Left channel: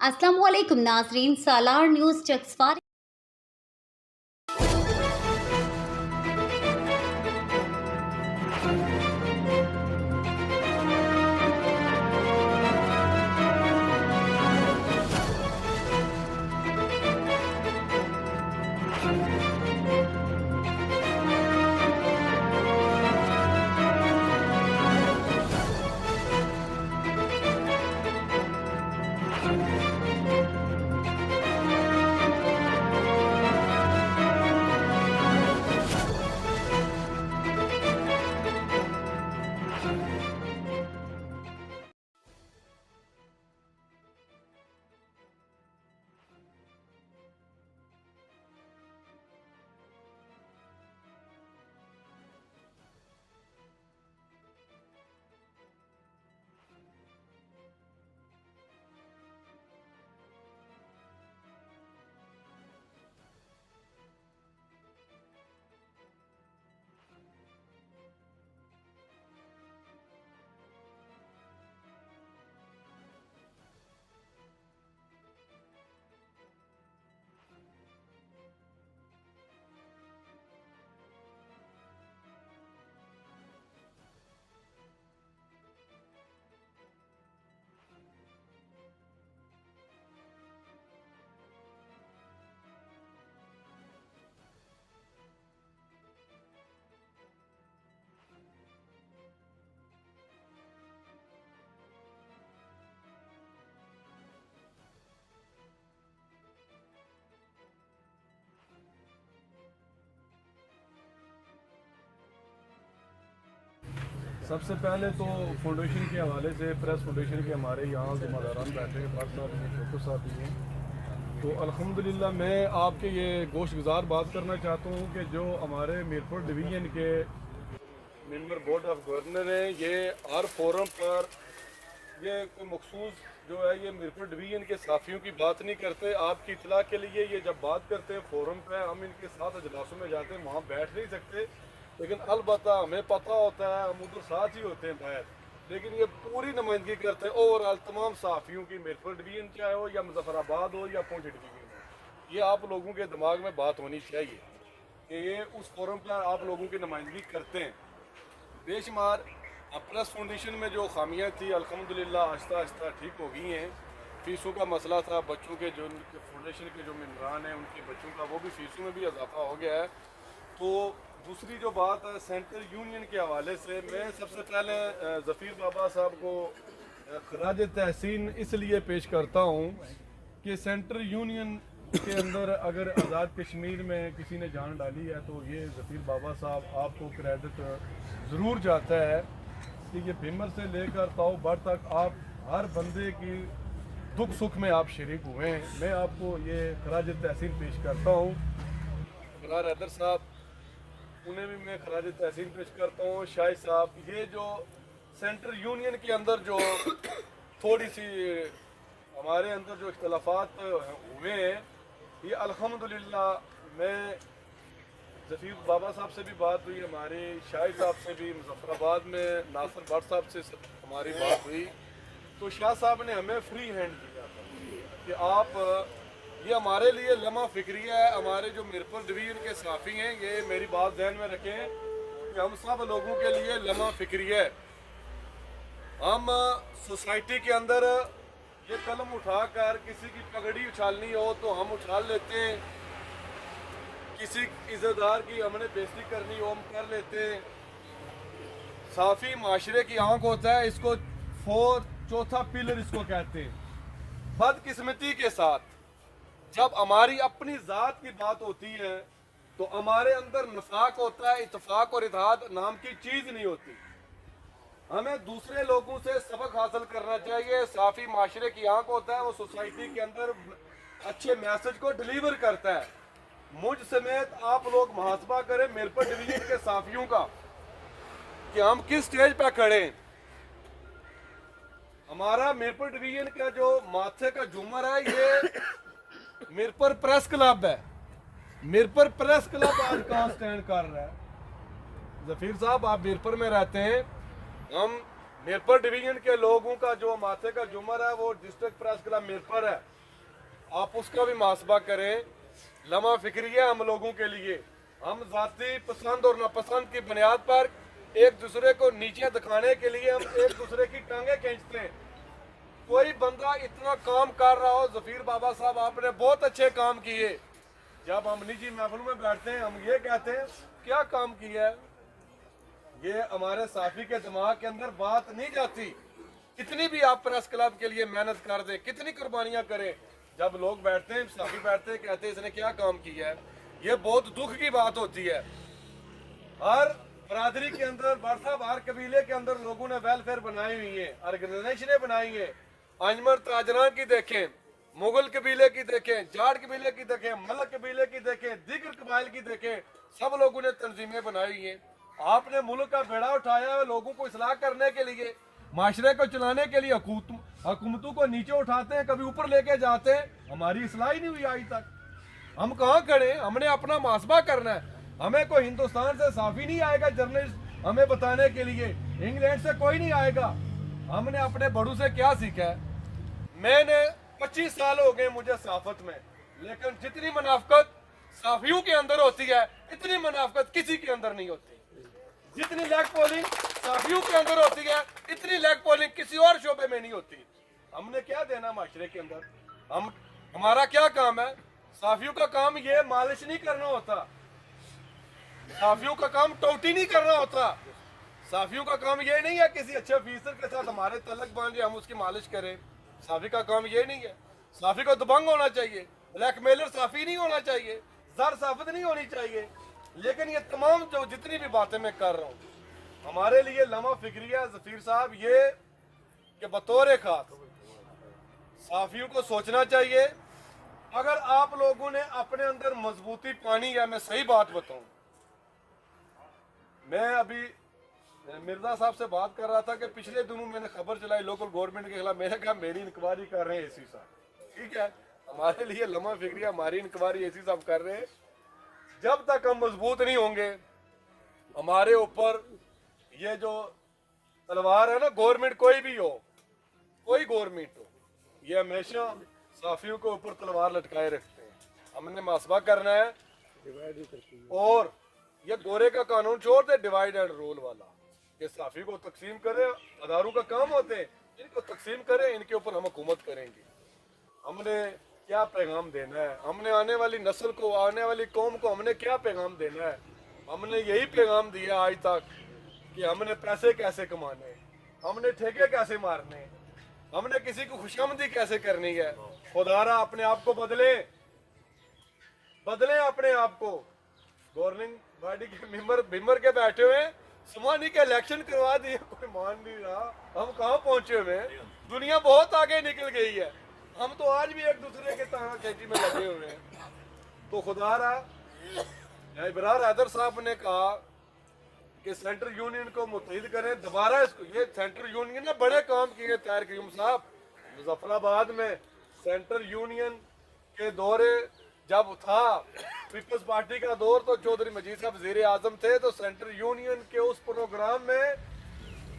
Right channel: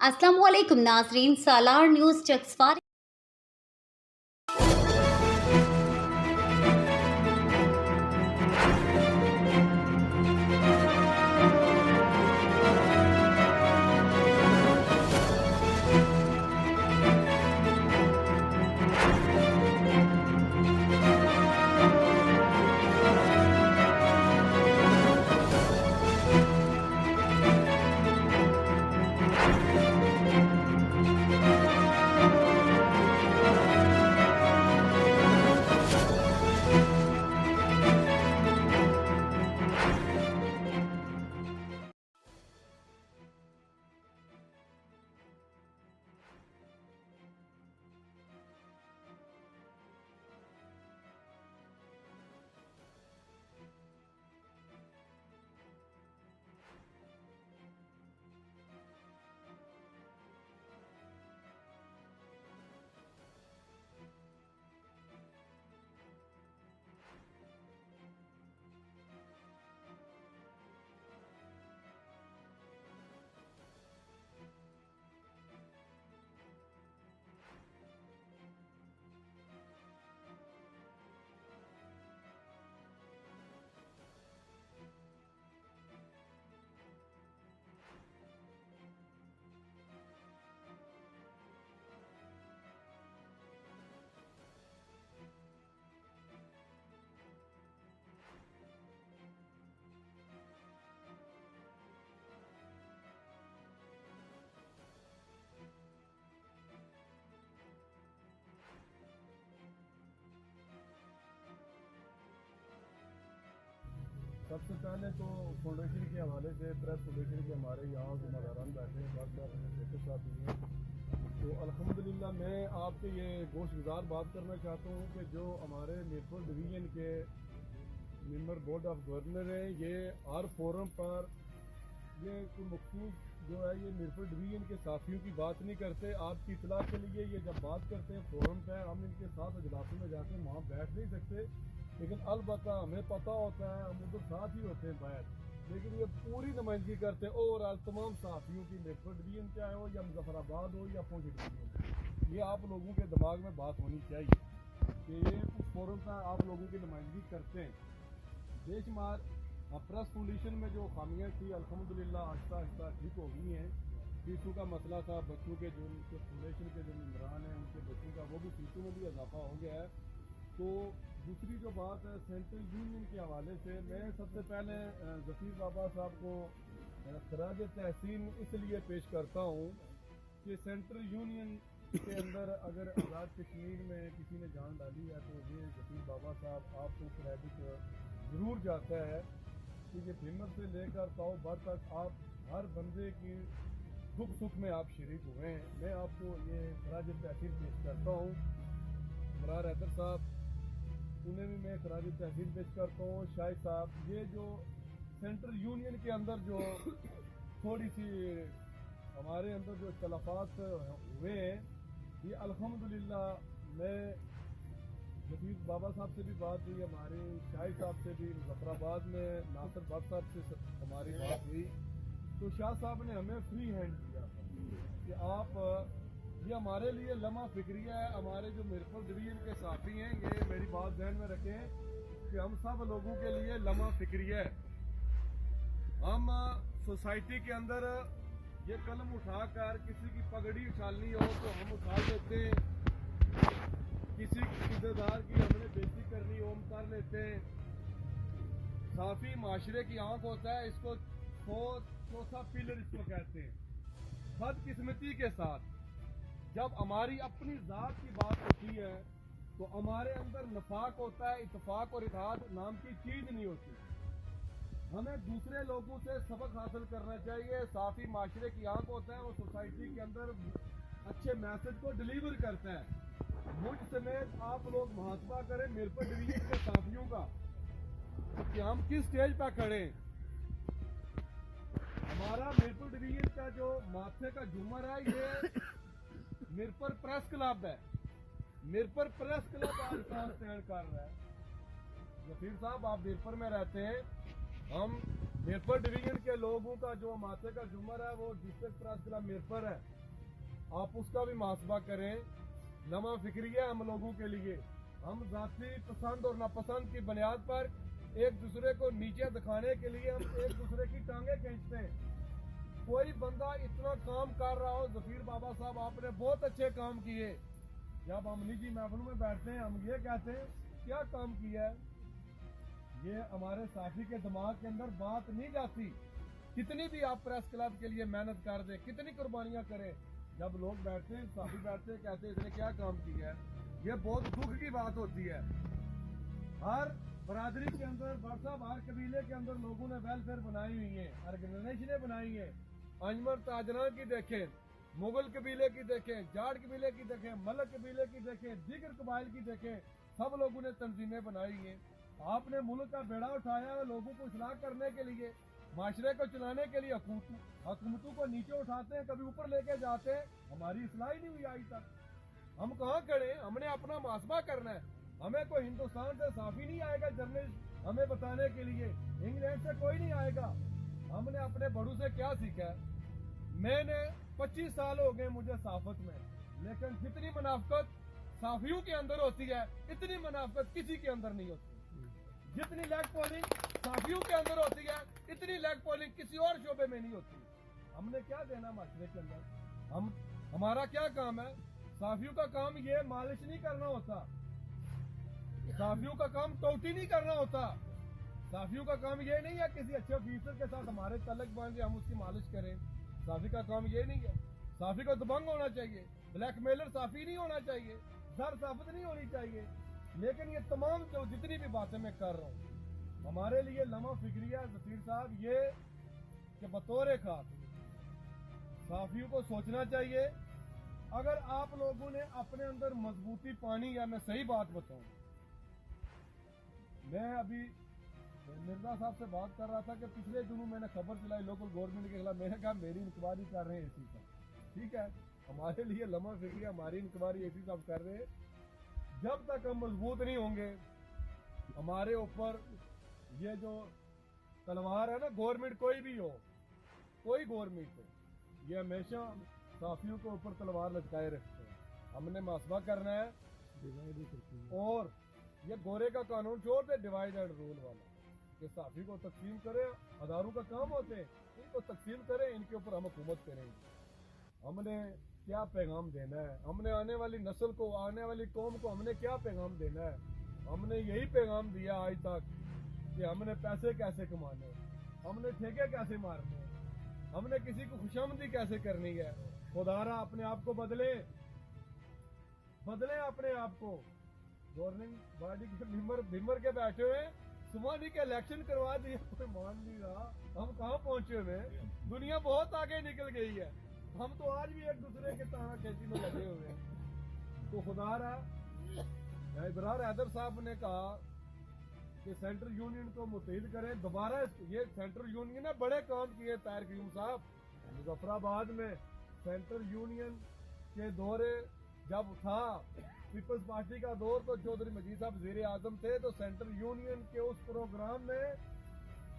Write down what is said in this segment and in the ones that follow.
अस्सलामुअलैकुम नाज़रीन, सालार न्यूज़ चक्सवार। सबसे पहले तो फाउंडेशन के हवाले से प्रेस फाउंडेशन के हमारे यहाँ ज़िम्मेदारान बैठे हैं, भट्ट साहब हैं, छोटू साहब भी हैं। तो अल्हम्दुलिल्लाह मैं आपके ये गोश्तगुजार बात करना चाहता हूँ कि जो हमारे मीरपुर डिवीज़न के मेंबर बोर्ड ऑफ गवर्नर हैं, ये हर फोरम पर ये कोई मखसूस जो है ये मीरपुर डिवीज़न के साफ़ियों की बात नहीं करते। आपकी इतला के लिए ये जब बात करते हैं फोरम पे, हम इनके साथ अजलासों में जाते हैं, वहाँ बैठ नहीं सकते, लेकिन अलबत्ता हमें पता होता है, हम उधर साथ ही होते हैं बाहर, लेकिन ये पूरी नुमाइंदगी करते हैं ओवरऑल तमाम साफ़ियों की, मीरपुर डिवीज़न चाहे हो या मुजफ्फराबाद हो या पुंछ डिवीज़न हो। ये आप लोगों के दिमाग में बात होनी चाहिए कि ये उस फोरम पर आप लोगों की नुमाइंदगी करते हैं। बेशुमार प्रेस फाउंडेशन में जो खामियाँ थी अल्हम्दुलिल्लाह आहिस्ता आहिस्ता ठीक हो गई हैं। फ़ीसों का मसला था, बच्चों के जो फाउंडेशन के जो मेंबरान हैं उनके बच्चों का वो भी फ़ीसों में भी इजाफा हो गया है। तो दूसरी जो बात है सेंट्रल यूनियन के हवाले से, मैं सबसे पहले ज़फ़ीर बाबा साहब को खराज तहसीन इसलिए पेश करता हूँ कि सेंट्रल यूनियन के अंदर अगर आज़ाद कश्मीर में किसी ने जान डाली है तो ये ज़फ़ीर बाबा साहब, आपको क्रेडिट ज़रूर जाता है कि ये भीमर से लेकर ताऊ भर तक आप हर बंदे की दुख सुख में आप शरीक हुए हैं। मैं आपको ये खराज तहसीन पेश करता हूँ। इमरान हैदर साहब, उन्हें भी मैं खराज तहसीन पेश करता हूँ। शाहिद साहब, ये जो सेंट्रल यूनियन के अंदर जो थोड़ी सी हमारे अंदर जो इख्तलाफात हुए हैं, ये अल्हम्दुलिल्लाह मैं ज़फ़ीर बाबा साहब से भी बात हुई, हमारे शाहिद साहब से भी, मुजफ्फराबाद में नासिर भट्ट साहब से हमारी बात हुई, तो शाह साहब ने हमें फ्री हैंड दिया था कि आप ये हमारे लिए लम्हा फिक्रिया है। हमारे जो मीरपुर डिवीज़न के साफ़ी हैं, ये मेरी बात ध्यान में रखें कि हम सब लोगों के लिए लम्हा फिक्रिया है। हम सोसाइटी के अंदर ये कलम उठाकर किसी की पगड़ी उछालनी हो तो हम उछाल लेते हैं, किसी इज़्ज़तदार की हमने बेइज्जती करनी हो हम कर लेते हैं। साफ़ी माशरे की आंख होता है, इसको चौथा पिलर इसको कहते हैं। बदकिस्मती के साथ जब हमारी अपनी ज़ात की बात होती है तो हमारे अंदर नफाक होता है, इत्तेफाक और इत्तेहाद नाम की चीज़ नहीं होती। हमें दूसरे लोगों से सबक हासिल करना चाहिए। साफ़ी माशरे की आंख होता है, वो सोसाइटी के अंदर अच्छे मैसेज को डिलीवर करता है। मुझ समेत आप लोग मुहासबा करें मीरपुर डिवीज़न के साफ़ियों का कि हम किस स्टेज पर खड़े हैं। हमारा मीरपुर डिवीज़न का जो माथे का झूमर है, ये मीरपुर प्रेस क्लब है। मीरपुर प्रेस क्लब आज कहाँ स्टैंड कर रहा है? ज़फ़ीर साहब, आप मीरपुर में रहते हैं, हम मीरपुर डिवीजन के लोगों का जो माथे का झूमर है वो डिस्ट्रिक्ट प्रेस क्लब मीरपुर है, आप उसका भी मुहासबा करें। लम्हा फिक्रिया हम लोगों के लिए, हम ज़ाती पसंद और नापसंद की बुनियाद पर एक दूसरे को नीचे दिखाने के लिए हम एक दूसरे की टांगे खींचते हैं। कोई बंदा इतना काम कर रहा हो, जफीर बाबा साहब आपने बहुत अच्छे काम किए, जब हम निजी महफिल में बैठते हैं हम ये कहते हैं क्या काम किया है, ये हमारे साफी के दिमाग के अंदर बात नहीं जाती। कितनी भी आप प्रेस क्लब के लिए मेहनत कर दें, कितनी कुर्बानियां करें, जब लोग बैठते हैं साफी बैठते हैं कहते हैं इसने क्या काम किया है, ये बहुत दुख की बात होती है। हर बरादरी के अंदर बरसाब हर कबीले के अंदर लोगों ने वेलफेयर बनाई हुई है, ऑर्गेनाइजेशनें बनाई है। अंजमर ताजरा की देखें, मुगल कबीले की देखें, जाट कबीले की देखें, मलक कबीले की देखें, दीगर कबाइल की देखें, सब लोगों ने तंजीमें बनाई हुई हैं। आपने मुल्क का बेड़ा उठाया है लोगों को इसलाह करने के लिए, माशरे को चलाने के लिए। हुकूमतों को नीचे उठाते हैं, कभी ऊपर लेके जाते हैं, हमारी इसलाह ही नहीं हुई आज तक। हम कहाँ खड़े, हमने अपना मुहासबा करना है। हमें कोई हिंदुस्तान से साफी नहीं आएगा जर्नलिस्ट हमें बताने के लिए, इंग्लैंड से कोई नहीं आएगा। हमने अपने बड़ों से क्या सीखा है। मैंने 25 साल हो गए मुझे सहाफत में, लेकिन जितनी मुनाफकत साफियों के अंदर होती है इतनी मुनाफकत किसी के अंदर नहीं होती। जितनी लेग पोलिंग साफियों के अंदर होती है इतनी लेग पोलिंग किसी और शोबे में नहीं होती। हमने क्या देना माशरे के अंदर, हमारा क्या काम है। साफियों का काम ये मालिश नहीं करना होता, साफियों का काम टोटी नहीं करना होता, साफियों का काम ये नहीं है किसी अच्छे ऑफिसर के साथ हमारे तलक बांधे हम उसकी मालिश करें। साफी का काम ये नहीं है। साफी को दबंग होना चाहिए, ब्लैकमेलर साफी नहीं होना चाहिए, जर साफत नहीं होनी चाहिए। लेकिन ये तमाम जो जितनी भी बातें मैं कर रहा हूँ हमारे लिए लम्हा फिक्रिया जफीर साहब ये कि बतौर खास साफियों को सोचना चाहिए। अगर आप लोगों ने अपने अंदर मजबूती पानी है, मैं सही बात बताऊं, मैं अभी मिर्जा साहब से बात कर रहा था कि पिछले दिनों मैंने खबर चलाई लोकल गवर्नमेंट के खिलाफ, मैंने कहा मेरी इंक्वायरी कर रहे हैं एसी साहब, ठीक है हमारे लिए लम्हा फिक्रिया हमारी इंक्वायरी एसी साहब कर रहे हैं। जब तक हम मजबूत नहीं होंगे हमारे ऊपर ये जो तलवार है ना, गवर्नमेंट कोई भी हो, कोई गवर्नमेंट हो, ये हमेशा साफियों के ऊपर तलवार लटकाए रखते हैं। हमने मुहासबा करना है और ये गोरे का कानून छोड़ दे डिवाइड एंड रूल वाला, कि साफी को तकसीम करे, अदारों का काम होते हैं इनको तकसीम करें, इनके ऊपर हम हुकूमत करेंगे। हमने क्या पैगाम देना है, हमने आने वाली नस्ल को, आने वाली कौम को हमने क्या पैगाम देना है। हमने यही पैगाम दिया आज तक कि हमने पैसे कैसे कमाने, हमने ठेके कैसे मारने, हमने किसी को खुशामदी कैसे करनी है। खुदारा अपने आप को बदले अपने आप को। गवर्निंग बॉडी के मेंबर के बैठे हुए सुमानी के इलेक्शन करवा दिए, कोई मान नहीं रहा। हम कहाँ पहुंचे हुए, दुनिया बहुत आगे निकल गई है, हम तो आज भी एक दूसरे के ताना खेती में लगे हुए हैं। तो खुदारा इब्रार हैदर साहब ने कहा कि सेंट्रल यूनियन को मुत्तहिद करें दोबारा इसको। ये सेंट्रल यूनियन ने बड़े काम किए ताहिर क़याूम साहब, मुजफ्फराबाद में सेंट्रल यूनियन के दौरे जब था, पीपल्स पार्टी का दौर, तो चौधरी मजीद साहब वज़ीर आज़म थे, तो सेंट्रल यूनियन के उस प्रोग्राम में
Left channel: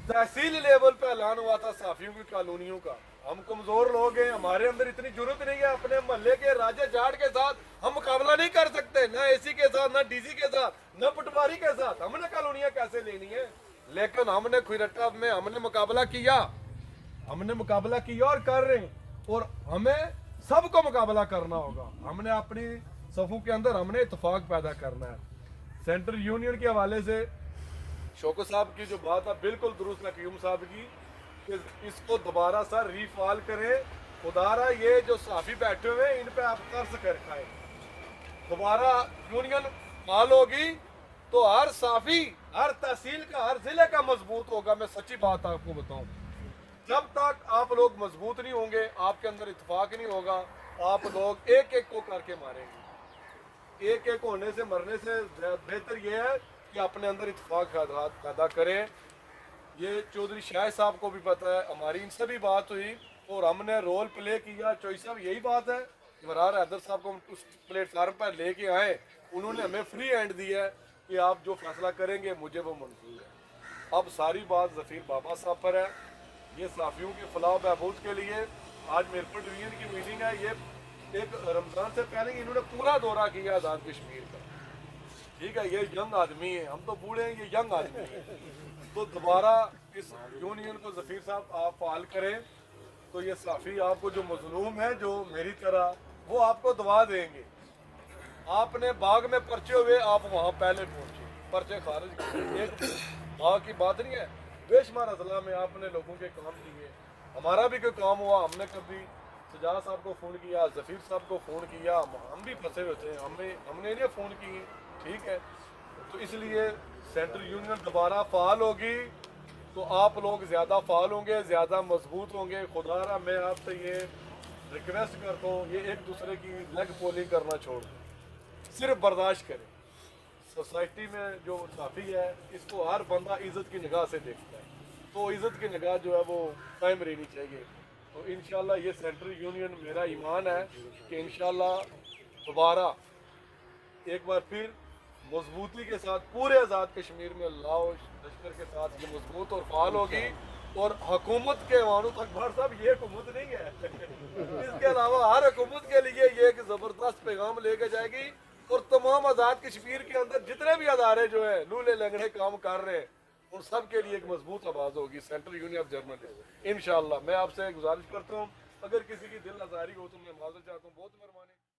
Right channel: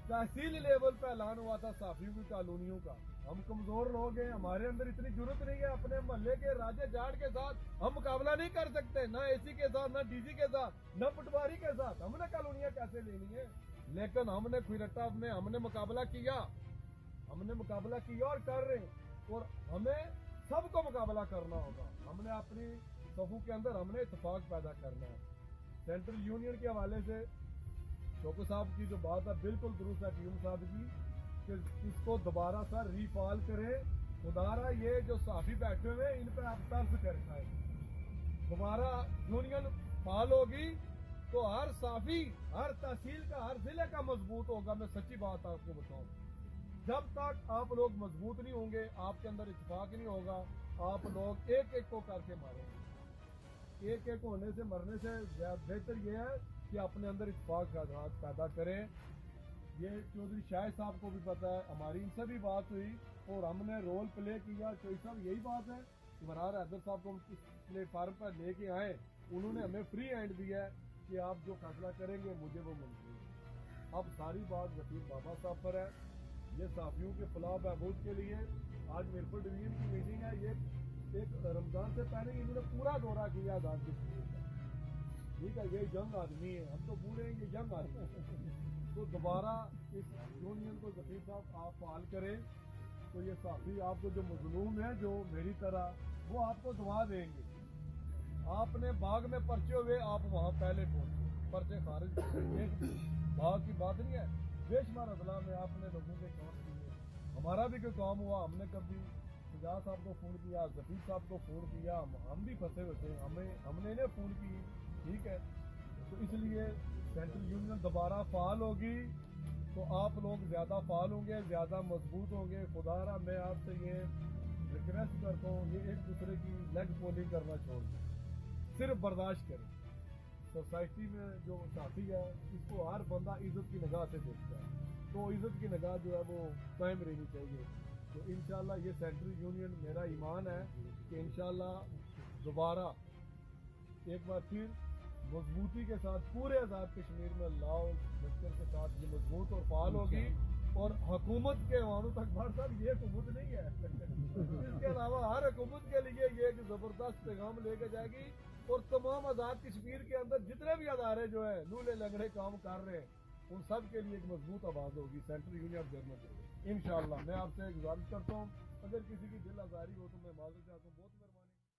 तहसील लेवल पे ऐलान हुआ था साफियों की कॉलोनियों का। हम कमजोर लोग हैं, हमारे अंदर इतनी जरूरत नहीं है, अपने मोहल्ले के राजा जाट के साथ हम मुकाबला नहीं कर सकते, ना एसी के साथ, ना डीसी के साथ, ना पटवारी के साथ। हमने कॉलोनियां कैसे लेनी है। लेकिन हमने खुरट्टा में हमने मुकाबला किया और कर रहे हैं, और हमें सबको मुकाबला करना होगा। हमने अपनी सफों के अंदर हमने इत्तेफाक पैदा करना है। सेंट्रल यूनियन के हवाले से शौकत साहब की जो बात है बिल्कुल दुरुस्त है क़याूम साहब की, कि इसको दोबारा सर रीफाल करें। खुदारा ये जो साफी बैठे हुए हैं इन पे आप तर्स कर खाए। दोबारा यूनियन फाल होगी तो हर साफी, हर तहसील का, हर जिले का मजबूत होगा। मैं सच्ची बात आपको बताऊं, जब तक आप लोग मजबूत नहीं होंगे, आपके अंदर इत्तेफाक नहीं होगा, आप लोग एक एक को करके मारेंगे। एक एक होने से, मरने से बेहतर यह है कि अपने अंदर इत्तेफाक पैदा करें। ये चौधरी शाहिद साहब को भी पता है, हमारी इनसे भी बात हुई और हमने रोल प्ले किया। चौधरी साहब यही बात है, इब्रार हैदर साहब को हम उस प्लेटफार्म पर लेके आए, उन्होंने हमें फ्री हैंड दिया है कि आप जो फैसला करेंगे मुझे वो मंजूर है। اب ساری بات ظفیر بابا صاحب پر ہے. یہ صحافیوں کی فلاح و بہبود کے لیے آج میرپور ڈویژن کی میٹنگ ہے. یہ ایک رمضان سے پہلے انہوں نے پورا دورہ کیا آزاد کشمیر کا. ٹھیک ہے, یہ ینگ آدمی ہے, ہم تو بوڑھے ہیں, یہ ینگ آدمی ہے. تو دوبارہ اس یونین کو ظفیر صاحب آپ فعال کریں تو یہ صحافی آپ کو جو مظلوم ہے جو میری طرح, وہ آپ کو دعا دیں گے. آپ نے باغ میں پرچے ہوئے, آپ وہاں پہلے پہنچے, پرچے خارج کیے. ایک باغ کی بات نہیں ہے, بے شمار اضلاع میں آپ نے لوگوں کے کام کیے. ہمارا بھی کوئی کام ہوا, ہم نے کبھی سجاد صاحب کو فون کیا, ظفیر صاحب کو فون کیا, ہم بھی پھنسے ہوئے تھے, ہم نے انہیں فون کیے. ٹھیک ہے, تو اس لیے سینٹرل یونین دوبارہ فعال ہوگی تو آپ لوگ زیادہ فعال ہوں گے, زیادہ مضبوط ہوں گے. خدا را میں آپ سے یہ ریکویسٹ کرتا ہوں, یہ ایک دوسرے کی لیگ پولنگ کرنا چھوڑ دیں, صرف برداشت کریں. سوسائٹی میں جو صحافی ہے اس کو ہر بندہ عزت کی نگاہ سے دیکھتا ہے, تو عزت کی نگاہ جو ہے وہ قائم رہنی چاہیے. تو انشاءاللہ یہ سینٹرل یونین, میرا ایمان ہے کہ انشاءاللہ دوبارہ ایک بار پھر مضبوطی کے ساتھ پورے آزاد کشمیر میں لا و لشکر کے ساتھ یہ مضبوط اور فعال ہوگی. اور حکومت کے وانو تک بھار صاحب یہ حکومت نہیں ہے, اس کے علاوہ ہر حکومت کے لیے یہ ایک زبردست پیغام لے کے جائے گی. اور تمام آزاد کشمیر کے اندر جتنے بھی ادارے جو ہیں لولے لنگڑے کام کر رہے ہیں ان سب کے لیے ایک مضبوط آواز ہوگی سینٹرل یونین آف جرمنی انشاءاللہ. میں آپ سے گزارش کرتا ہوں, اگر کسی کی دل آزاری ہو تو میں معذرت چاہتا ہوں. بہت مہربانی.